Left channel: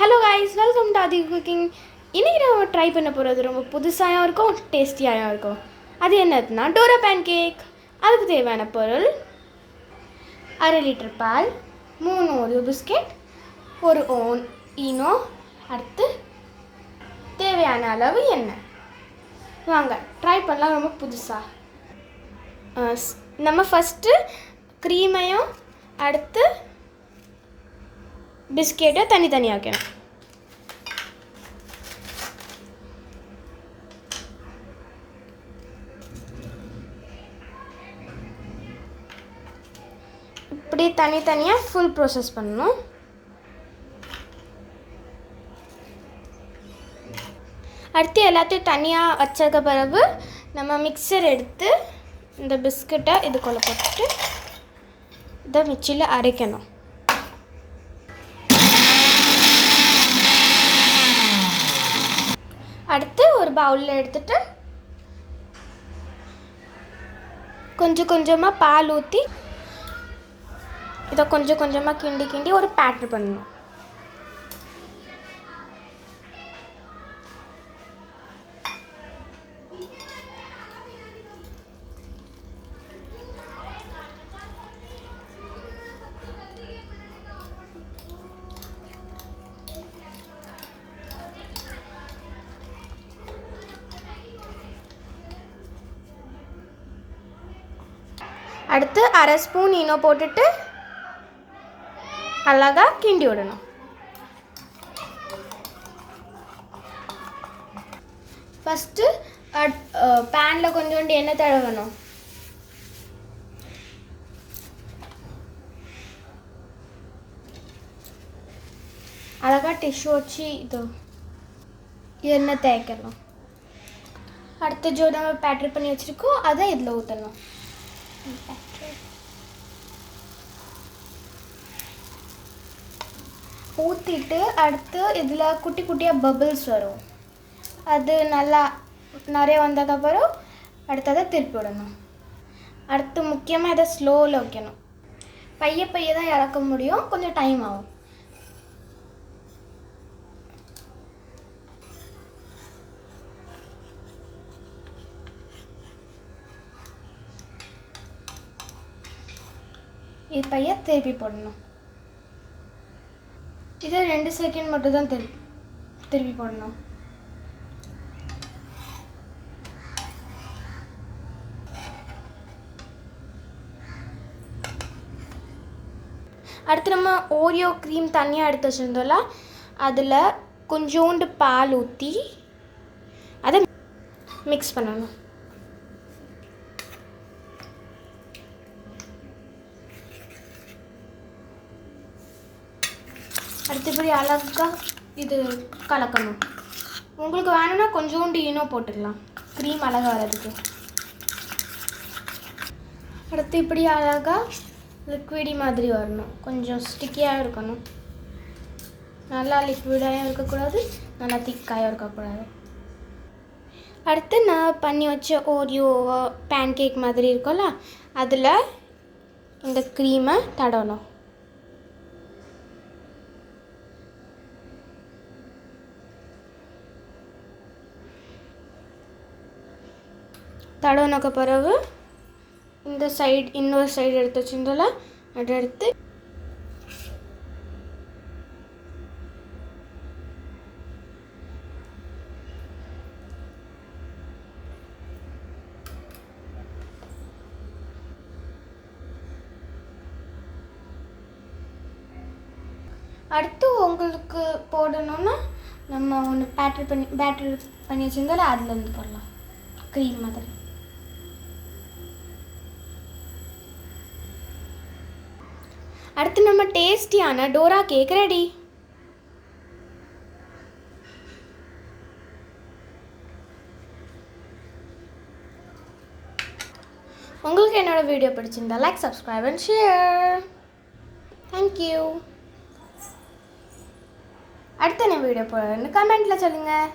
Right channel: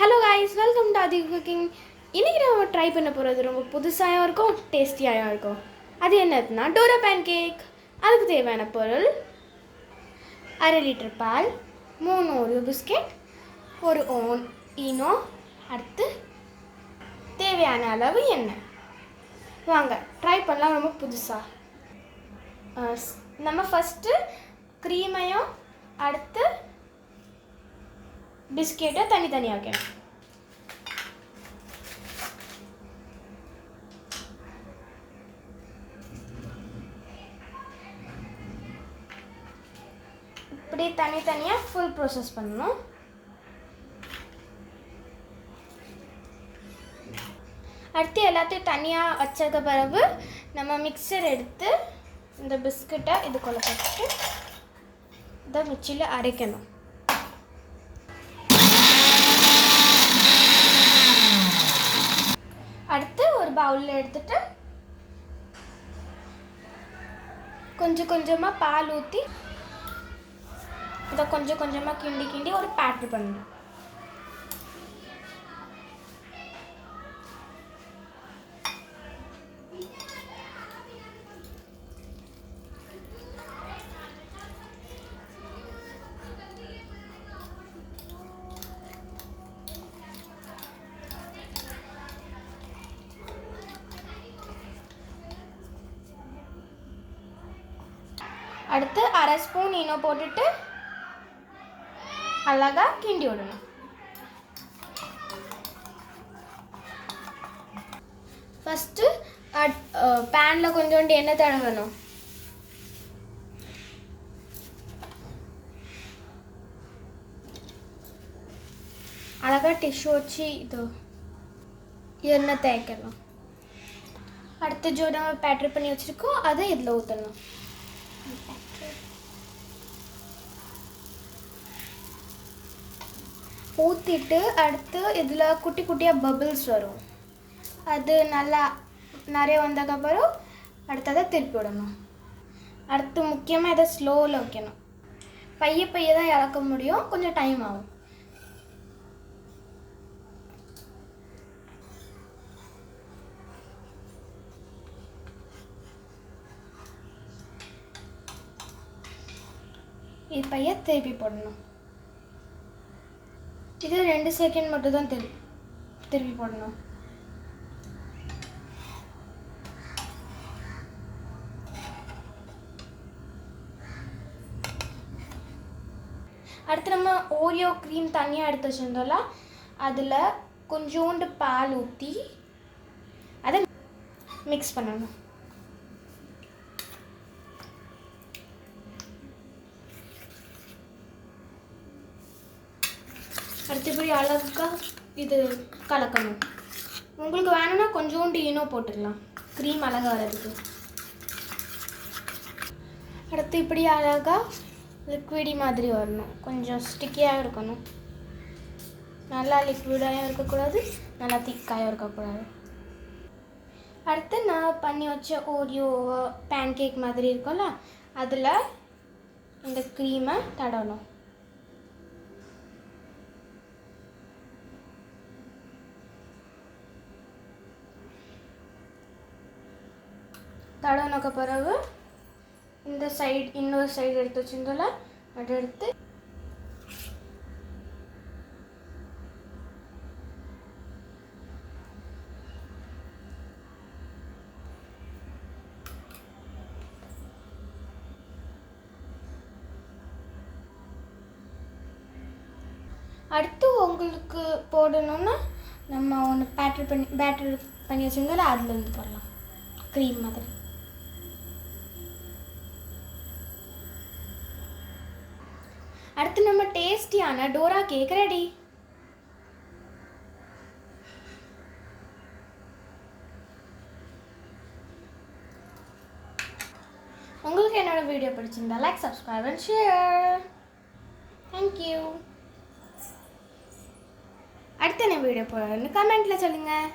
Hello guys, welcome to Aadhi cooking. இன்றைக்கி நம்ம try பண்ண போகிறது ரொம்ப புதுசாகவும் இருக்கும், டேஸ்டியாகவும் இருக்கும். அது என்னதுன்னா டோரா பேன் கேக். அதுக்கு தேவையான பொருள்: 1/2 லிட்டர் பால், 3 ஓரியோ பிஸ்கெட், ஒரு ஈனோ, அடுத்து தேவையான அளவு எண்ணெய். வாங்க ட்ரை பண்ணலாம். ரொம்ப புதுசாக நம்ம ஃபஸ்ட்டு க்ரீமையும் அடுத்து பிஸ்கெட்டை தனித்தனியாக வைக்கணும். இப்படி தனித்தனியாக ஃபுல் ப்ரோசஸ் பண்ணணும். அடுத்து எல்லாத்தையும் தனியாக வச்சதுக்கு பிறகு நம்ம மிக்சர் எடுத்து இந்த பிஸ்கட்டை இதுக்குள்ளே போட்டுட்டு இதை மிக்சியில் அரைக்கணும். அடுத்து ஒரு பவுலில் எடுத்துட்டு கொஞ்சம் கொஞ்சமாக பால் ஊற்றி இதை கொஞ்சம் கொஞ்சமாக கிண்டி கிண்டி ஒரு பேட்டர் பண்ணணும். அடுத்து 1/2 ஸ்பூன் ஈனோ போட்டுட்டு அழகாக கிண்டி விடணும். ஃபஸ்ட்டு பேனில் கொஞ்சோண்டு எண்ணெய் தடவணும். அழகாக டிஷ்யூ வச்சு இது எண்ணெய் தேய்க்கணும். அடுத்து ஜோ நம்ம பேட்டர் பண்ணி வச்சுருக்கோம், அதை இதில் ஊற்றணும். ஊற்றிட்டு அடுத்து இதில் குட்டி குட்டியாக பபிள்ஸ் வரும். அது நல்லா நிறைய வந்ததுக்கப்புறம் அடுத்ததை திருப்பி விடணும். அடுத்து முக்கியமாக இதை ஸ்லோவில் வைக்கணும். பைய தான் இறக்க முடியும், கொஞ்சம் டைம் ஆகும். இது பைய திருப்பி போடணும். இது 2 செகண்ட் மட்டும் தான் திருப்பி போடணும். அடுத்து நம்ம ஓரியோ க்ரீம் தனியாக எடுத்து வச்சுருந்தோம்ல, அதில் கொஞ்சோண்டு பால் ஊற்றி அதை மிக்ஸ் பண்ணணும். அடுத்தபடி அழகாக இது கலக்கணும். உங்களுக்கு வேணும்னா கொஞ்சோண்டு ஈனோ போட்டுக்கலாம், க்ரீம் அழகாக வர்றதுக்கு. அடுத்து இப்படி அழகாக லிக்விடி மாதிரி வரணும். கொஞ்சம் ஸ்டிக்கியாக இருக்கணும். நல்லா லிக்விடாகவும் இருக்கக்கூடாது, நல்லா திக்காகவும் இருக்கக்கூடாது. அடுத்து நான் பண்ணி வச்ச ஓரியோ பேன் கேக் மாதிரி இருக்கும்ல, அதில் இந்த க்ரீமை தடவணும். தடவினக்கு பிறகு இந்த சைடு இன்னொரு சைடு எடுத்து வச்சுருந்தோம்ல, அதை எடுத்து அடுத்து உங்களுக்கு போடணுன்னா நம்ம ஒன்று பேட்டர் பண்ணி வச்சுருந்தோம்ல, அதுலேருந்து போடலாம் க்ரீம் மாதிரி. அடுத்து நம்ம டேஸ்டியான டோரா கேக் ரெடி. உங்களுக்கு என்னோட வீடியோ பிடிச்சிருந்தா like, subscribe and share. Thank you. அடுத்து என்ன வீடியோ போடுறேன்னு கமெண்ட்டில் சொல்லுங்கள்.